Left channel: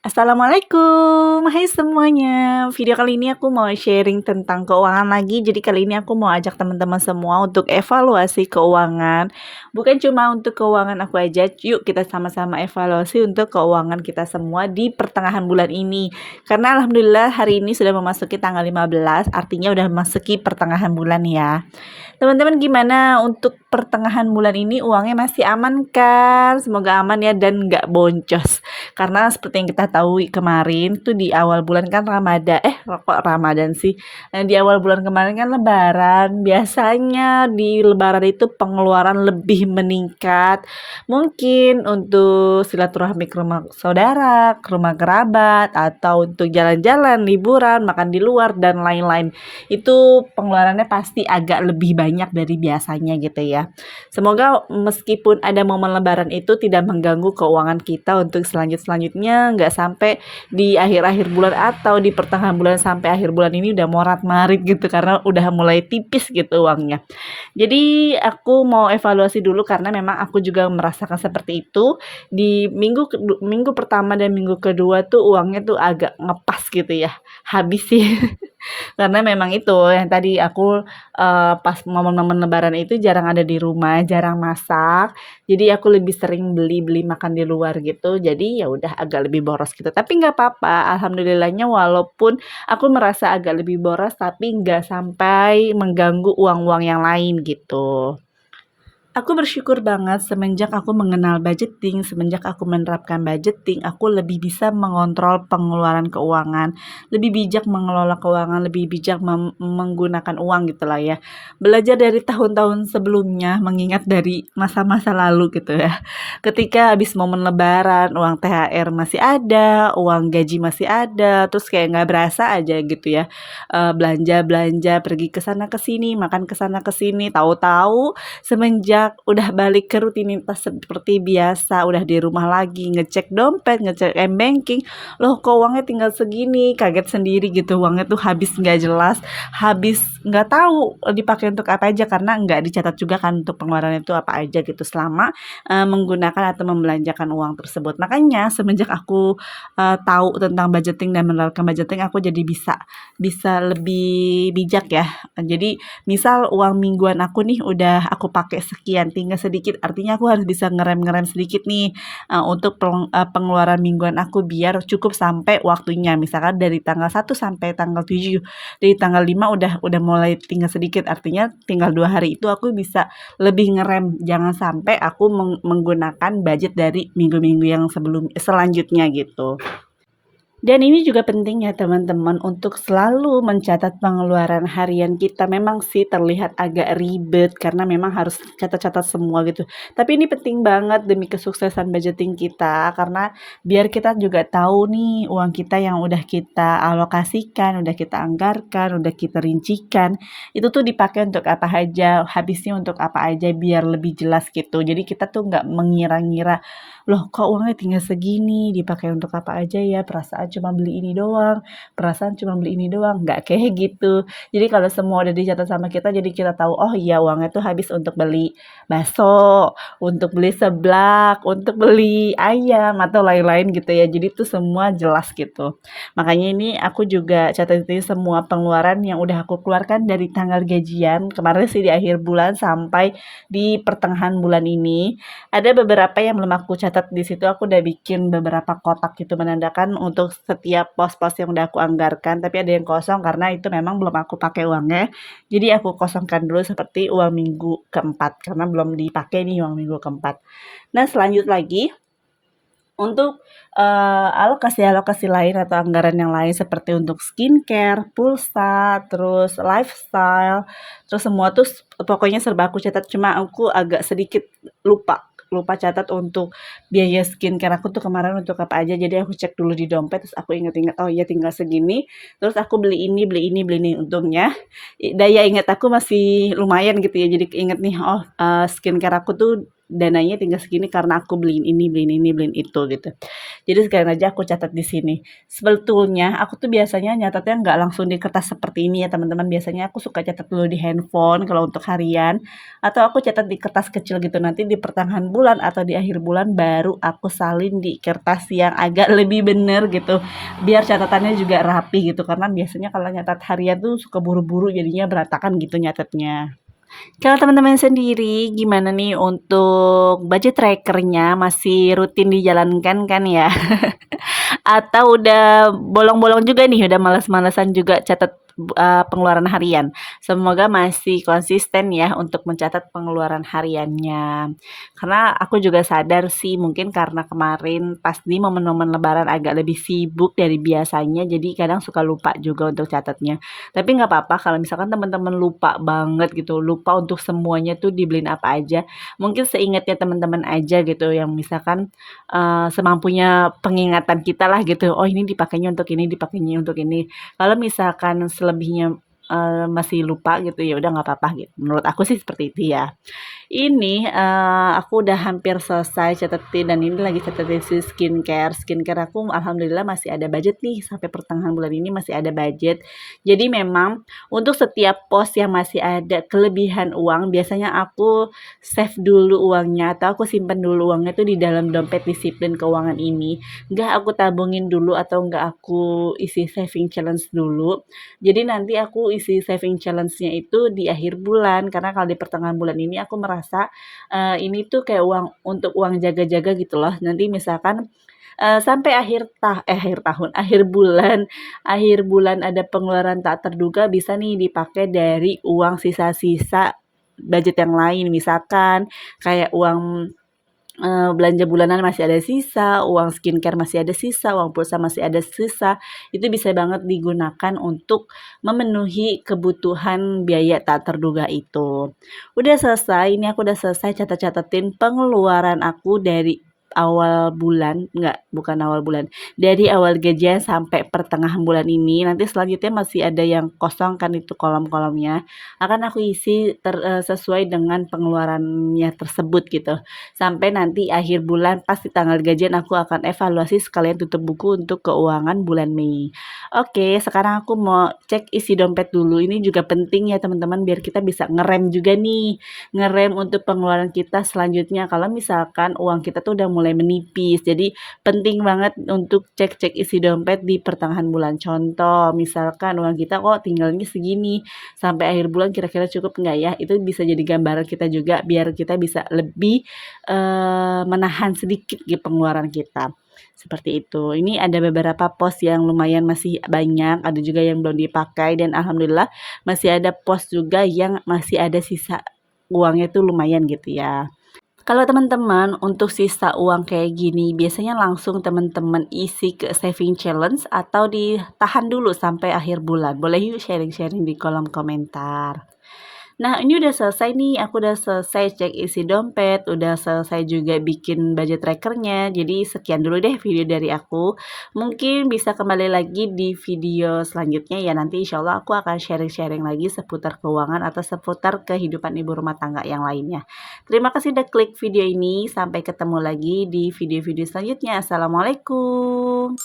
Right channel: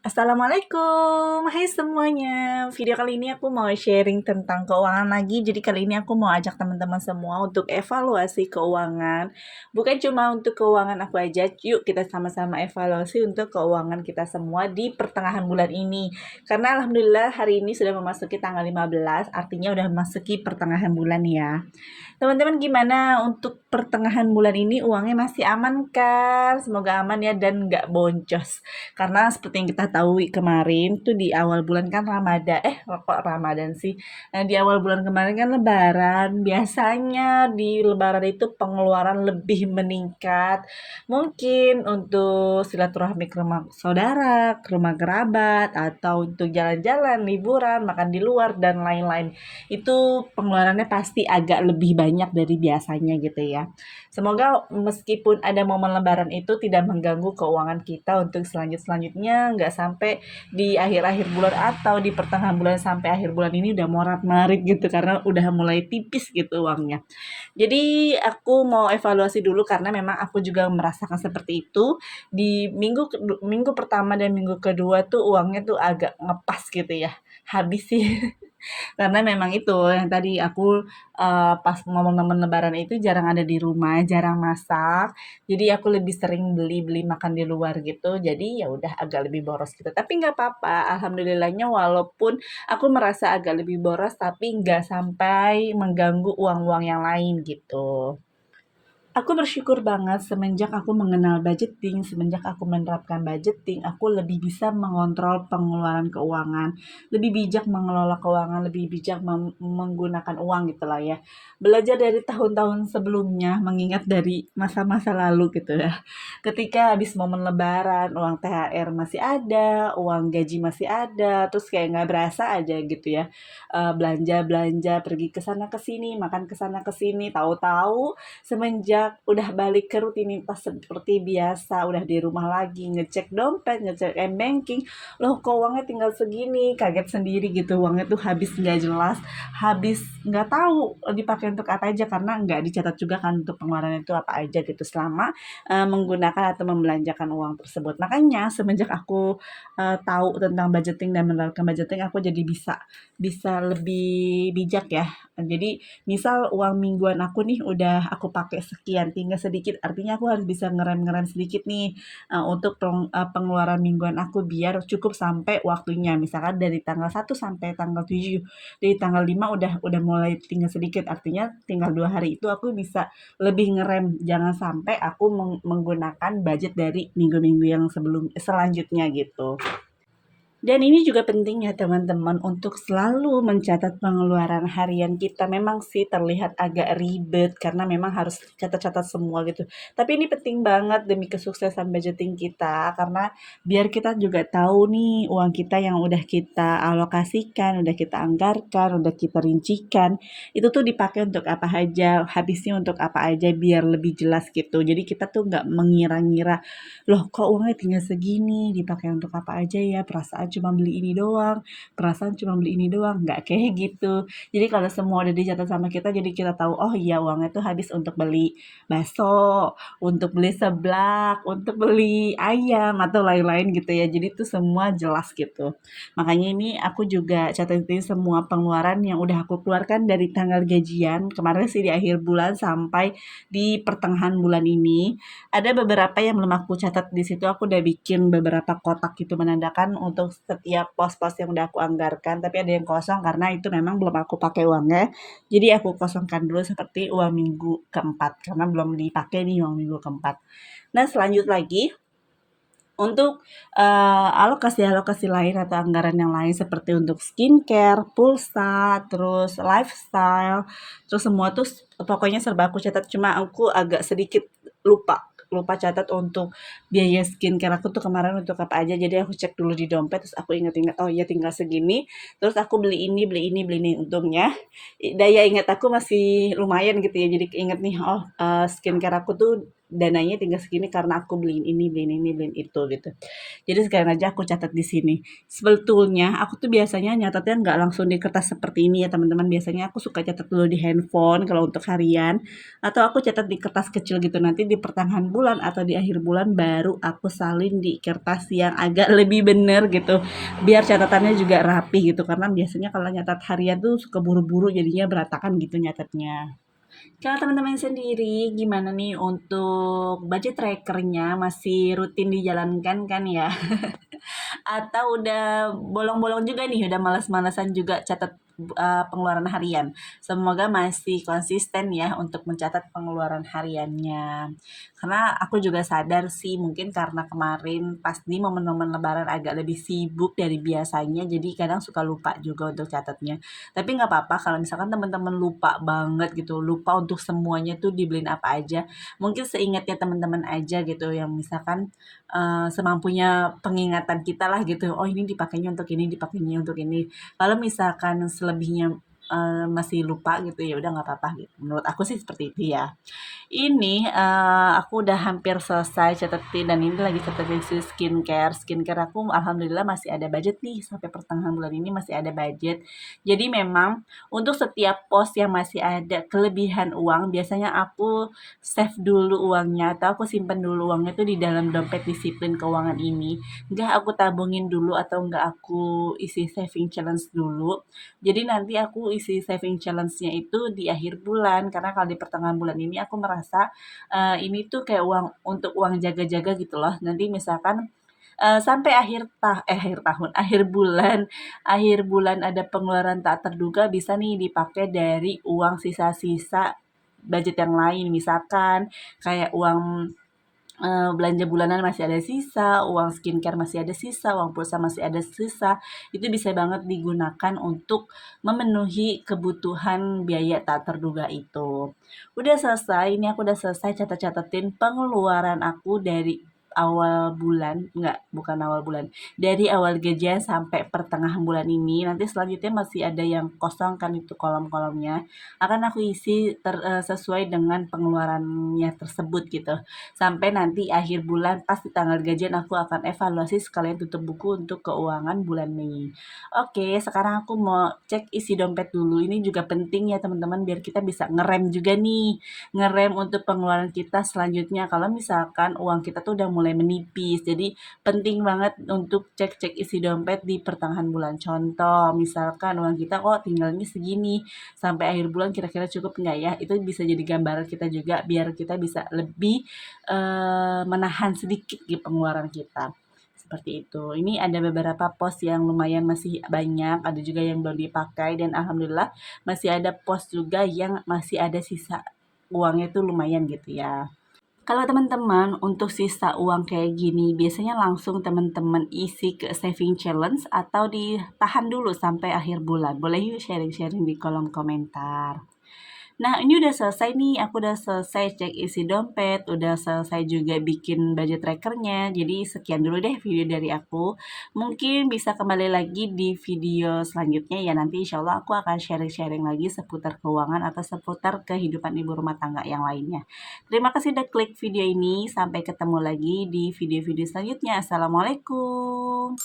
Assalamualaikum, hai semuanya. Video kali ini aku mau sharing tentang keuangan lagi. Jadi kali ini aku mau ajak teman-teman semua untuk evaluasi keuangan. Bukan cuma untuk keuangan aku aja, yuk kita sama-sama evaluasi untuk keuangan kita semua di pertengahan bulan ini. Karena alhamdulillah hari ini sudah memasuki tanggal 15, artinya udah memasuki pertengahan bulan ya. Teman-teman gimana untuk pertengahan bulan ini uangnya masih aman kan? Semoga aman ya dan nggak boncos. Karena seperti yang kita tahu kemarin tuh di awal bulan kan Ramadan, kok Ramadan sih? Di awal bulan kemarin kan Lebaran. Biasanya di Lebaran itu pengeluaran lebih meningkat. Mungkin untuk silaturahmi ke rumah saudara, ke rumah kerabat, atau untuk jalan-jalan, liburan, makan di luar dan lain-lain. Itu pengeluarannya pasti agak lebih banyak dari biasanya gitu ya. Semoga meskipun ada momen lebaran itu tidak mengganggu keuangan kita untuk selanjutnya nggak sampai di akhir-akhir bulan atau di pertengahan bulan sampai akhir bulan ini udah morat-marit gitu karena udah mulai tipis gitu uangnya. Jadi aku mau evaluasi dulu karena memang aku juga merasakan seperti itu. Di minggu pertama dan minggu kedua tuh uangnya tuh agak ngepas gitu ya. Habis sih. Karena memang itu yang tadi aku, pas momen-momen lebaran itu jarang ada di rumah, jarang masak, jadi aku lebih sering beli-beli makan di luar gitu, jadi ya udah agak lebih boros gitu. Tapi nggak apa-apa, alhamdulillahnya walaupun aku merasa agak lebih boros, tapi nggak sampai mengganggu uang-uang yang lain gitu. Aku bersyukur banget semenjak aku mengenal budgeting, semenjak aku menerapkan budgeting, aku lebih bisa mengontrol pengeluaran keuangan, lebih bijak mengelola keuangan, lebih bijak menggunakan uang gitulah ya. Belajar dari tahun-tahun sebelumnya, mengingat dari masa-masa lalu gitu ya. Ketika habis momen lebaran, uang THR masih ada, uang gaji masih ada, terus kayak nggak berasa aja gitu ya. Belanja-belanja, pergi ke sana ke sini, makan ke sana ke sini, tahu-tahu semenjak udah balik ke rutinitas seperti biasa, udah di rumah lagi, ngecek dompet, ngecek m-banking, loh kok uangnya tinggal segini, kaget sendiri gitu, uangnya tuh habis nggak jelas, habis nggak tahu dipakai untuk apa aja karena nggak dicatat juga kan untuk pengeluaran itu apa aja gitu selama menggunakan atau membelanjakan uang tersebut. Makanya semenjak aku tahu tentang budgeting dan menerapkan budgeting, aku jadi bisa lebih bijak ya. Jadi misal uang mingguan aku nih udah aku pakai sekian, tinggal sedikit, artinya aku harus bisa ngerem-ngerem sedikit nih, untuk pengeluaran mingguan aku biar cukup sampai waktunya. Misalkan dari tanggal 1 sampai tanggal 7, dari tanggal 5 udah mulai tinggal sedikit, artinya tinggal 2 hari itu aku bisa lebih ngerem, jangan sampai aku menggunakan budget dari minggu-minggu yang selanjutnya gitu. Dan ini juga penting ya teman-teman untuk selalu mencatat pengeluaran harian kita. Memang sih terlihat agak ribet karena memang harus catat-catat semua gitu. Tapi ini penting banget demi kesuksesan budgeting kita karena biar kita juga tahu nih uang kita yang udah kita alokasikan, udah kita anggarkan, udah kita rincikan, itu tuh dipakai untuk apa aja, habisnya untuk apa aja biar lebih jelas gitu. Jadi kita tuh nggak mengira-ngira, loh kok uangnya tinggal segini, dipakai untuk apa aja ya, perasaan cuma beli ini doang, perasaan cuma beli ini doang, nggak kayak gitu. Jadi kalau semua udah dicatat sama kita, jadi kita tahu, oh iya uangnya tuh habis untuk beli bakso, untuk beli seblak, untuk beli ayam, atau lain-lain gitu ya. Jadi tuh semua jelas gitu. Makanya ini aku juga catatin semua pengeluaran yang udah aku keluarkan dari tanggal gajian, kemarin sih di akhir bulan sampai di pertengahan bulan ini. Ada beberapa yang belum aku catat di situ, aku udah bikin beberapa kotak gitu menandakan untuk setiap pos-pos yang udah aku anggarkan, tapi ada yang kosong karena itu memang belum aku pakai uangnya. Jadi aku kosongkan dulu seperti uang minggu keempat karena belum dipakai nih uang minggu keempat. Nah, selanjut lagi untuk alokasi-alokasi lain atau anggaran yang lain seperti untuk skincare, pulsa, terus lifestyle, terus semua tuh pokoknya serba aku catat, cuma aku agak sedikit lupa lupa catat untuk biaya skincare aku tuh kemarin untuk apa aja. Jadi aku cek dulu di dompet, terus aku ingat-ingat, oh iya tinggal segini, terus aku beli ini, beli ini, beli ini. Untungnya daya ingat aku masih lumayan gitu ya, jadi inget nih, oh skincare aku tuh dananya tinggal segini karena aku beliin ini, beliin ini, beliin itu gitu. Jadi sekalian aja aku catat di sini. Sebetulnya aku tuh biasanya nyatatnya nggak langsung di kertas seperti ini ya teman-teman. Biasanya aku suka catat dulu di handphone kalau untuk harian, atau aku catat di kertas kecil gitu. Nanti di pertengahan bulan atau di akhir bulan baru aku salin di kertas yang agak lebih bener gitu. Biar catatannya juga rapi gitu. Karena biasanya kalau nyatat harian tuh suka buru-buru jadinya berantakan gitu nyatetnya. Kalau teman-teman sendiri gimana nih untuk budget tracker-nya, masih rutin dijalankan kan ya? Atau udah bolong-bolong juga nih, udah males-malesan juga catat pengeluaran harian? Semoga masih konsisten ya untuk mencatat pengeluaran hariannya. Karena aku juga sadar sih mungkin karena kemarin pas di momen-momen lebaran agak lebih sibuk dari biasanya, jadi kadang suka lupa juga untuk catatnya. Tapi nggak apa-apa kalau misalkan teman-teman lupa banget gitu, lupa untuk semuanya tuh dibeliin apa aja, mungkin seingatnya teman-teman aja gitu yang misalkan semampunya pengingatan kita lah gitu, oh ini dipakainya untuk ini, dipakainya untuk ini. Kalau misalkan selebihnya masih lupa gitu ya udah nggak apa-apa gitu. Menurut aku sih seperti itu ya. Ini, aku udah hampir selesai catetin dan ini lagi catetin si skincare. Skincare aku alhamdulillah masih ada budget nih, sampai pertengahan bulan ini masih ada budget. Jadi memang untuk setiap pos yang masih ada kelebihan uang, biasanya aku save dulu uangnya atau aku simpan dulu uangnya tuh di dalam dompet disiplin keuangan ini. Nggak aku tabungin dulu atau nggak aku isi saving challenge dulu. Jadi nanti aku isi saving challenge-nya itu di akhir bulan, karena kalau di pertengahan bulan ini aku merasa, ini tuh kayak uang untuk uang jaga-jaga gitu loh. Nanti misalkan, sampai akhir tahun, akhir bulan ada pengeluaran tak terduga bisa nih dipakai dari uang sisa-sisa budget yang lain. Misalkan kayak uang belanja bulanan masih ada sisa, uang skincare masih ada sisa, uang pulsa masih ada sisa, itu bisa banget digunakan untuk memenuhi kebutuhan biaya tak terduga itu. Udah selesai, ini aku udah selesai catat-catatin pengeluaran aku dari awal bulan, enggak, bukan awal bulan, dari awal gajian sampai pertengahan bulan ini. Nanti selanjutnya masih ada yang kosong kan itu kolom-kolomnya, akan aku isi sesuai dengan pengeluarannya tersebut gitu. Sampai nanti akhir bulan pas di tanggal gajian aku akan evaluasi sekalian tutup buku untuk keuangan bulan Mei. Oke, sekarang aku mau cek isi dompet dulu. Ini juga penting ya teman-teman biar kita bisa ngerem juga nih. Ngerem untuk pengeluaran kita selanjutnya kalau misalkan uang kita tuh udah mulai menipis. Jadi penting banget untuk cek-cek isi dompet di pertengahan bulan. Contoh, misalkan uang kita kok tinggalnya segini, sampai akhir bulan kira-kira cukup nggak ya? Itu bisa jadi gambaran kita juga biar kita bisa lebih menahan sedikit gitu pengeluaran kita, seperti itu. Ini ada beberapa pos yang lumayan masih banyak, ada juga yang belum dipakai dan alhamdulillah masih ada pos juga yang masih ada sisa uangnya tuh lumayan gitu ya. Kalau teman-teman untuk sisa uang kayak gini, biasanya langsung teman-teman isi ke saving challenge atau ditahan dulu sampai akhir bulan? Boleh yuk sharing-sharing di kolom komentar. Nah, ini udah selesai nih, aku udah selesai cek isi dompet, udah selesai juga bikin budget trackernya. Jadi sekian dulu deh video dari aku. Mungkin bisa kembali lagi di video selanjutnya ya, nanti insya Allah aku akan sharing-sharing lagi seputar keuangan atau seputar kehidupan ibu rumah tangga yang lainnya. Terima kasih udah klik video ini, sampai ketemu lagi di video-video selanjutnya. Assalamualaikum.